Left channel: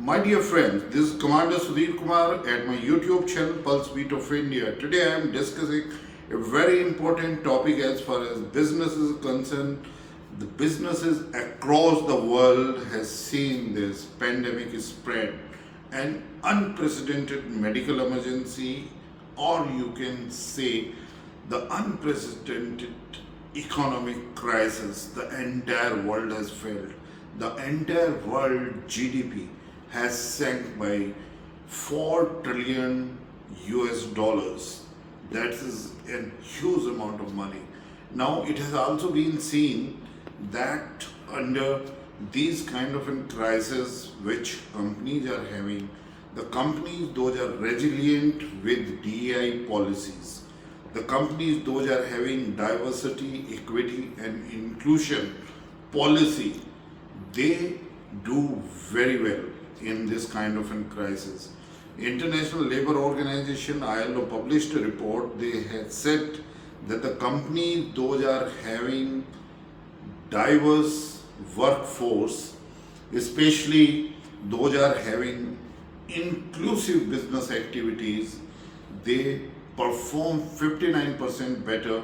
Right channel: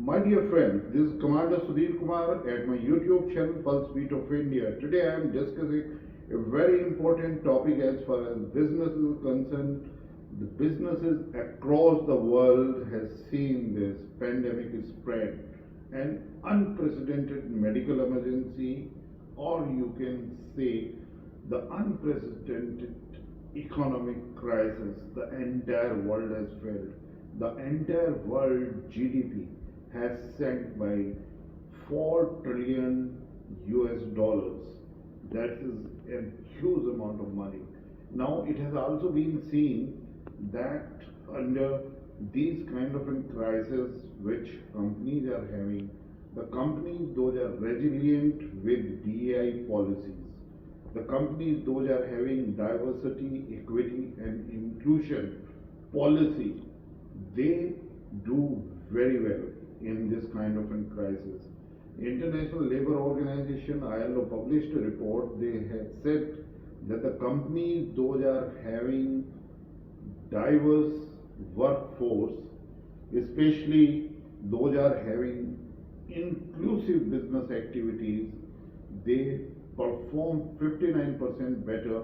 My dear friends, this is Commander Sudhir Kumar at my YouTube channel Pulse Beat of India. Today I am discussing a very important topic as far as business is concerned. The businesses across the world has seen this pandemic spread, an unprecedented medical emergency, or you can say the unprecedented economic crisis the entire world has felt. The entire world GDP has sank by 4 trillion US dollars. That is a huge amount of money. Now, it has also been seen that under these kind of a crisis which companies are having, the companies those are resilient with DEI policies. The companies those are having diversity, equity and inclusion policy, they do very well in this kind of a crisis. International Labour Organization ILO published a report. They had said that the companies those are having diverse workforce, especially those are having inclusive business activities, they perform 59% better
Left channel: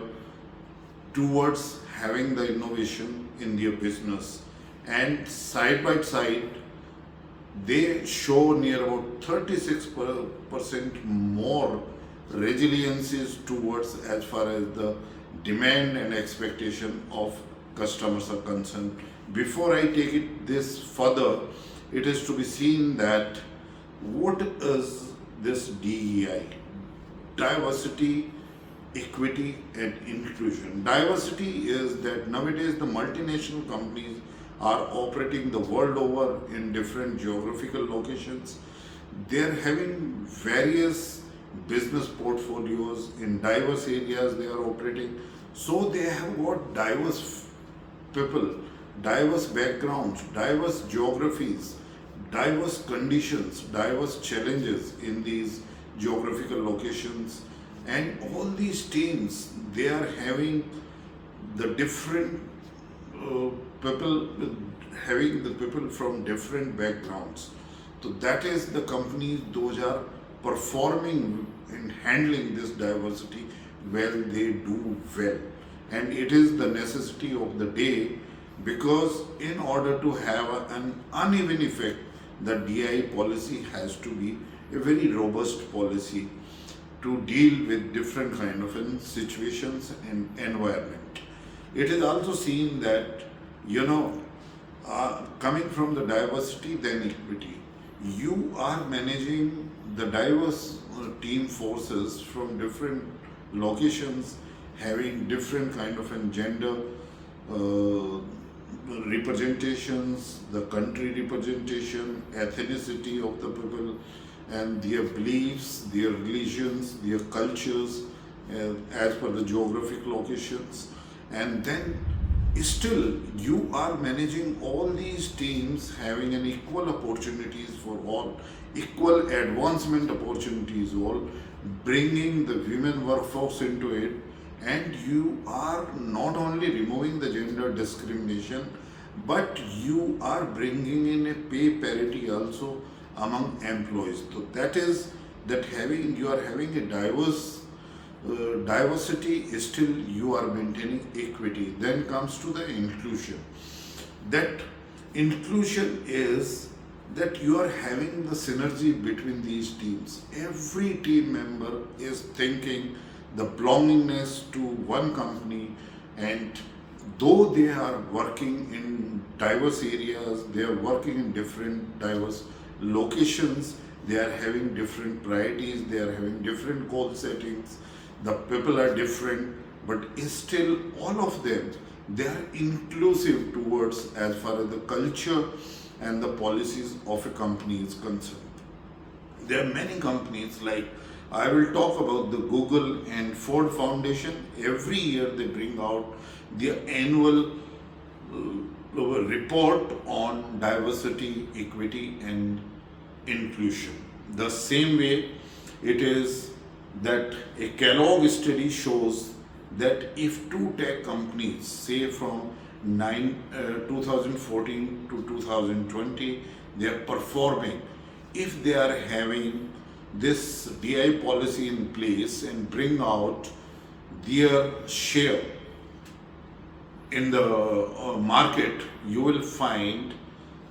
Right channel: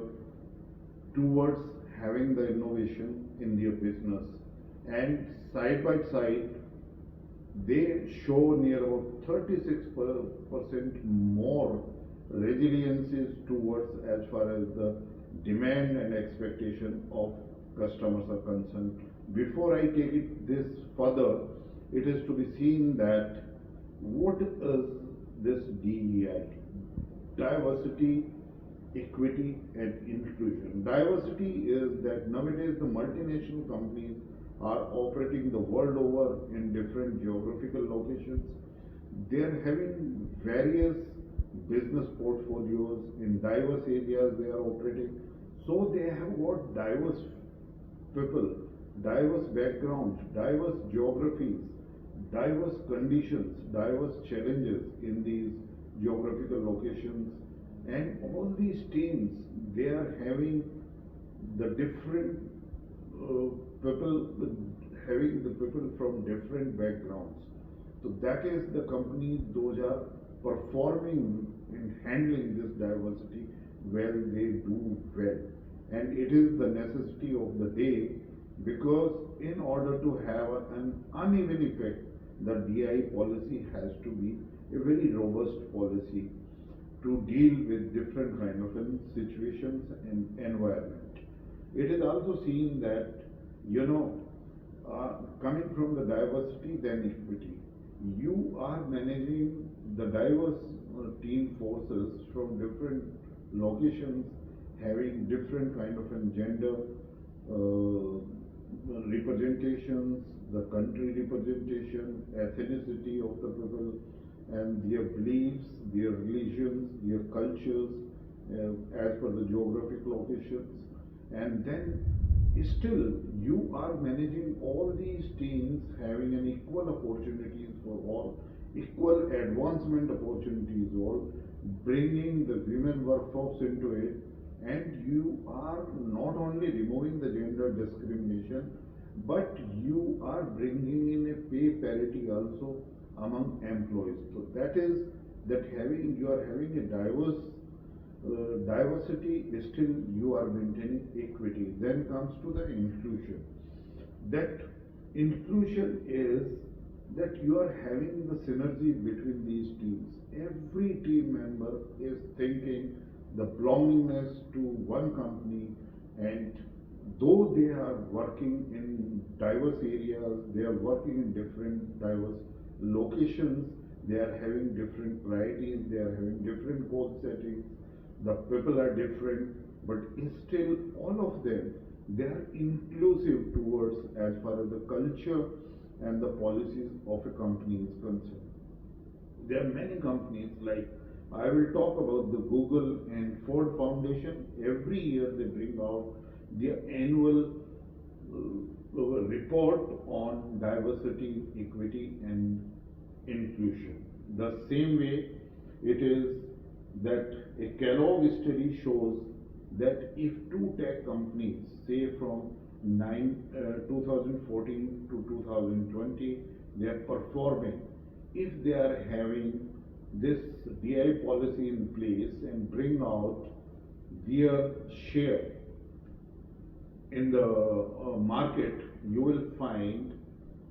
towards having the innovation in their business. And side by side, they show near about 36% more resiliences towards as far as the demand and expectation of customers are concerned. Before I take it this further, it is to be seen that what is this DEI? Diversity, equity and inclusion. Diversity is that nowadays the multinational companies are operating the world over in different geographical locations. They are having various business portfolios in diverse areas they are operating. So they have got diverse people, diverse backgrounds, diverse geographies, diverse conditions, diverse challenges in these geographical locations. And all these teams, they are having the different people, having the people from different backgrounds. So that is the companies those are performing in handling this diversity well, they do well. And it is the necessity of the day, because in order to have an uneven effect, the DI policy has to be a very robust policy to deal with different kind of situations and environment. It is also seen that, coming from the diversity then equity, you are managing the diverse team forces from different locations, having different kind of gender representations, the country representation, ethnicity of the people, and their beliefs, their religions, their cultures, as per the geographic locations. And then still you are managing all these teams having an equal opportunities for all, equal advancement opportunities all, bringing the women workforce into it. And you are not only removing the gender discrimination, but you are bringing in a pay parity also among employees. So that is that you are having a diversity, still you are maintaining equity. Then comes to the inclusion. That inclusion is that you are having the synergy between these teams. Every team member is thinking the belongingness to one company, and though they are working in diverse areas, they are working in different diverse locations, they are having different priorities, they are having different goal settings, the people are different, but still all of them, they are inclusive towards as far as the culture and the policies of a company is concerned. There are many companies, like I will talk about the Google and Ford Foundation. Every year they bring out their annual report on diversity, equity and inclusion. The same way it is that a Kellogg study shows that if two tech companies, say from 2014 to 2020, they are performing. If they are having this DI policy in place and bring out their share in the market, you will find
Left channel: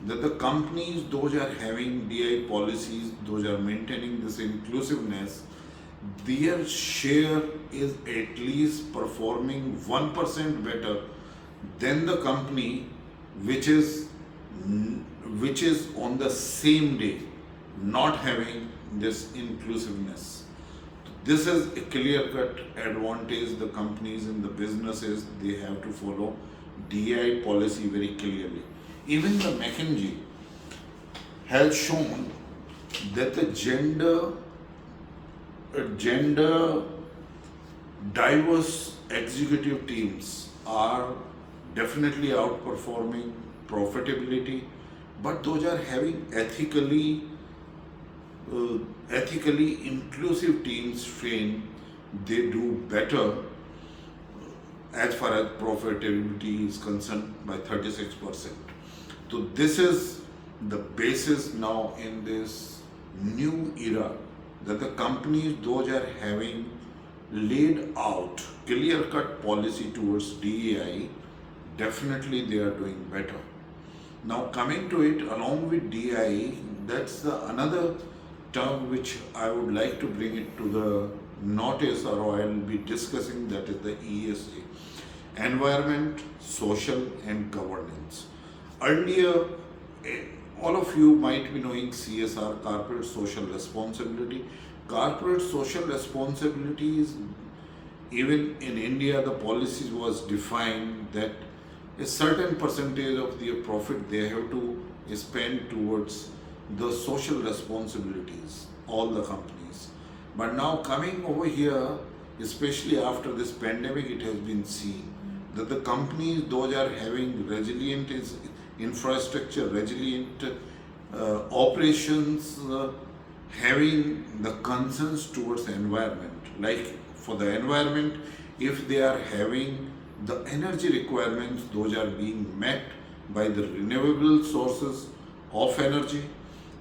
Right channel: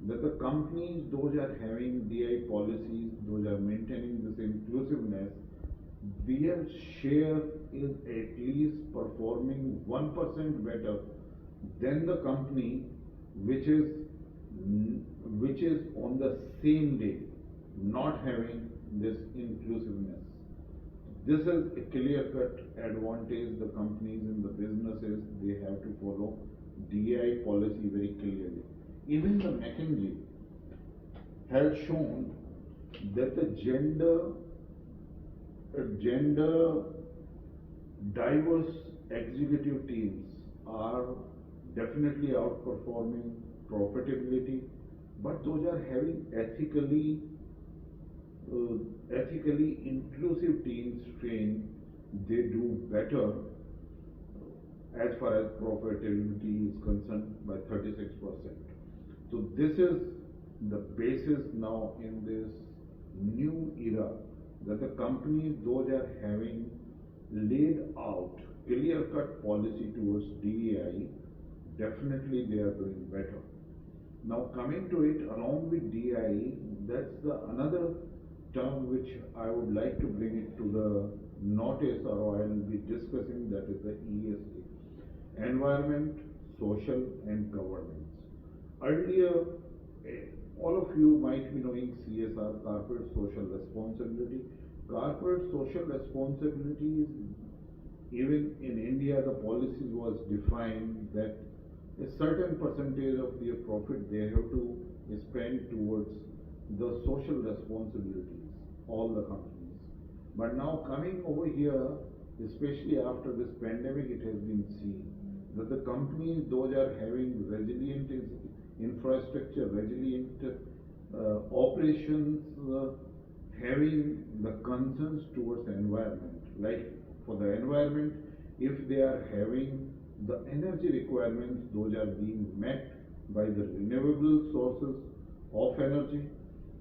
that the companies, those are having DI policies, those are maintaining this inclusiveness, their share is at least performing 1% better than the company which is on the same day not having this inclusiveness. This is a clear cut advantage. The companies and the businesses, they have to follow DI policy very clearly. Even the McKinsey has shown that the gender diverse executive teams are definitely outperforming profitability, but those are having ethically inclusive teams trained, they do better as far as profitability is concerned by 36%. So this is the basis now in this new era, that the companies, those are having laid out clear cut policy towards DEI, definitely they are doing better. Now coming to it, along with DEI, that's the another term which I would like to bring it to the notice, or I will be discussing, that is the ESG, environment, social and governance. Earlier, all of you might be knowing CSR, corporate social responsibility. Corporate social responsibilities, even in India, the policies was defined that a certain percentage of their profit they have to spend towards the social responsibilities, all the companies. But now coming over here, especially after this pandemic, it has been seen that the companies, those are having resilient infrastructure, resilient operations, having the concerns towards the environment. Like for the environment, if they are having the energy requirements, those are being met by the renewable sources of energy.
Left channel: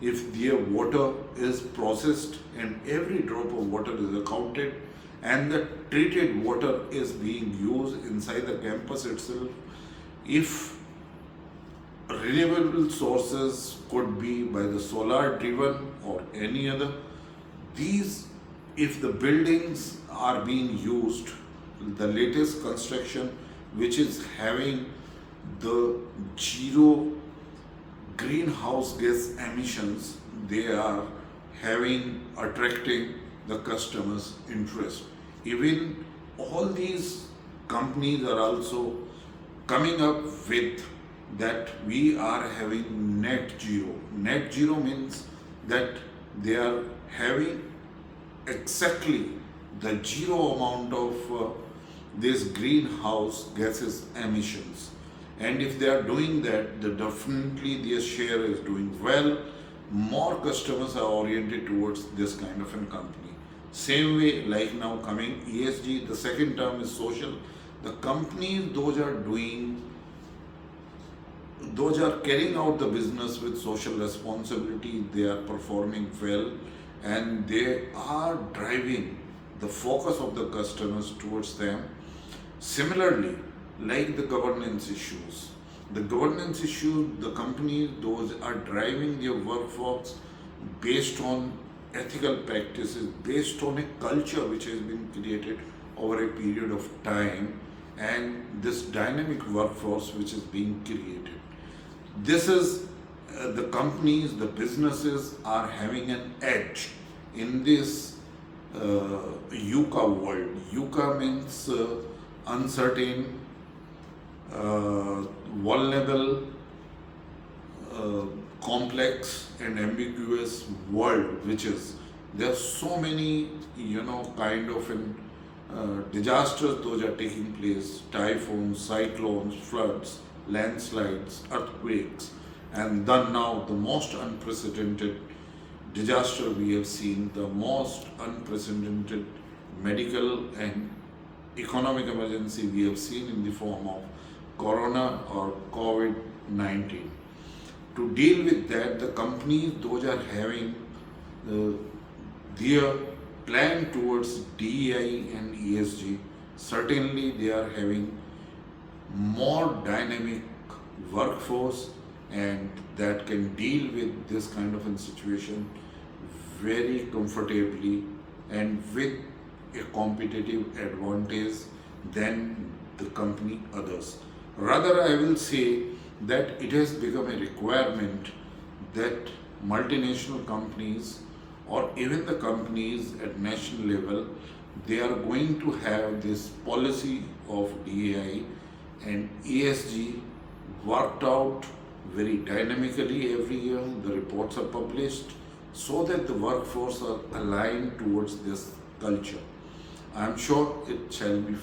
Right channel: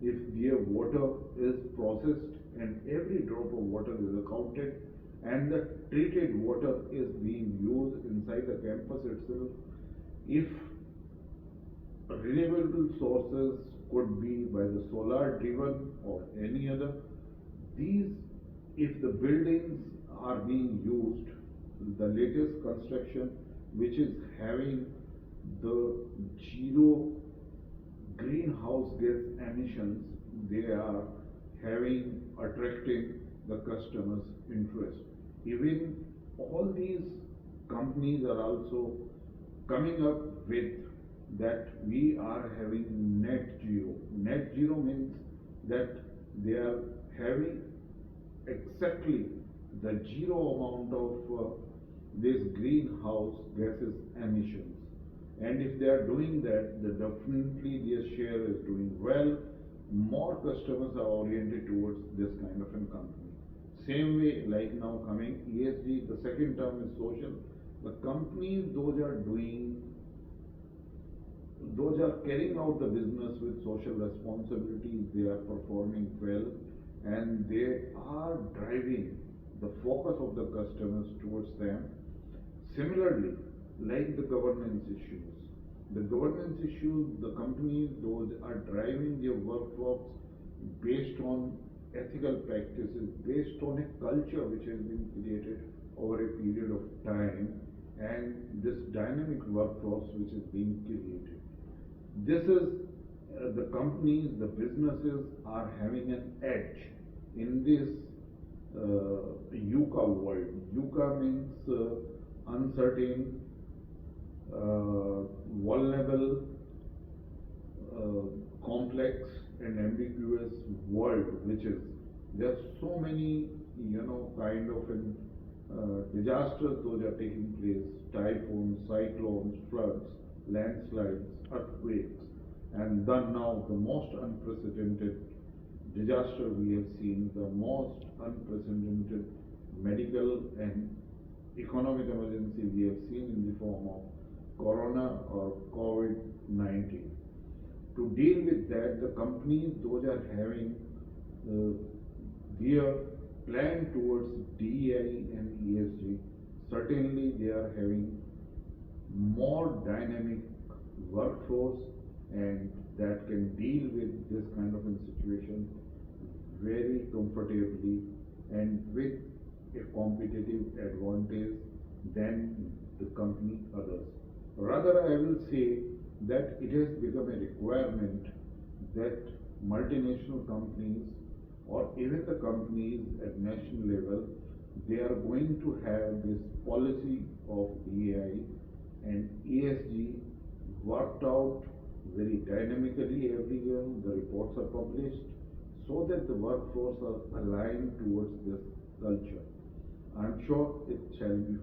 If their water is processed and every drop of water is accounted, and the treated water is being used inside the campus itself, if renewable sources could be by the solar driven or any other, these, if the buildings are being used, the latest construction which is having the zero greenhouse gas emissions, they are attracting the customers' interest. Even all these companies are also coming up with that we are having net zero. Net zero means that they are having exactly the zero amount of this greenhouse gases emissions. And if they are doing that, then definitely their share is doing well. More customers are oriented towards this kind of a company. Same way, like now coming ESG, the second term is social. The companies, those are carrying out the business with social responsibility, they are performing well, and they are driving the focus of the customers towards them. Similarly, like the governance issues, the companies, those are driving their workforce based on ethical practices, based on a culture which has been created over a period of time, and this dynamic workforce which is being created. This is the companies, the businesses are having an edge in this VUCA world. VUCA means uncertain, vulnerable, complex and ambiguous world, which is, there are so many kind of disasters those are taking place: typhoons, cyclones, floods, landslides, earthquakes, and then now the most unprecedented disaster we have seen, the most unprecedented medical and economic emergency we have seen in the form of corona or COVID-19. To deal with that, the companies those are having uh, their plan towards DEI and ESG, certainly they are having more dynamic workforce and that can deal with this kind of a situation very comfortably and with a competitive advantage than the company others. Rather, I will say that it has become a requirement that multinational companies or even the companies at national level, they are going to have this policy of DEI and ESG worked out very dynamically every year. The reports are published so that the workforce are aligned towards this culture. I am sure it shall be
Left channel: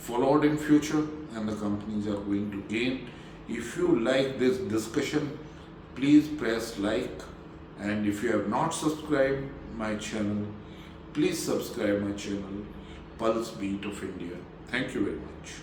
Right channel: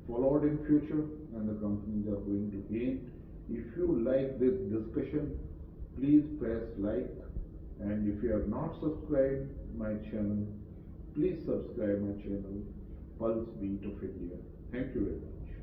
followed in future and the companies are going to gain. If you like this discussion, please press like, and if you have not subscribed my channel, please subscribe my channel Pulse Beat of India. Thank you very much.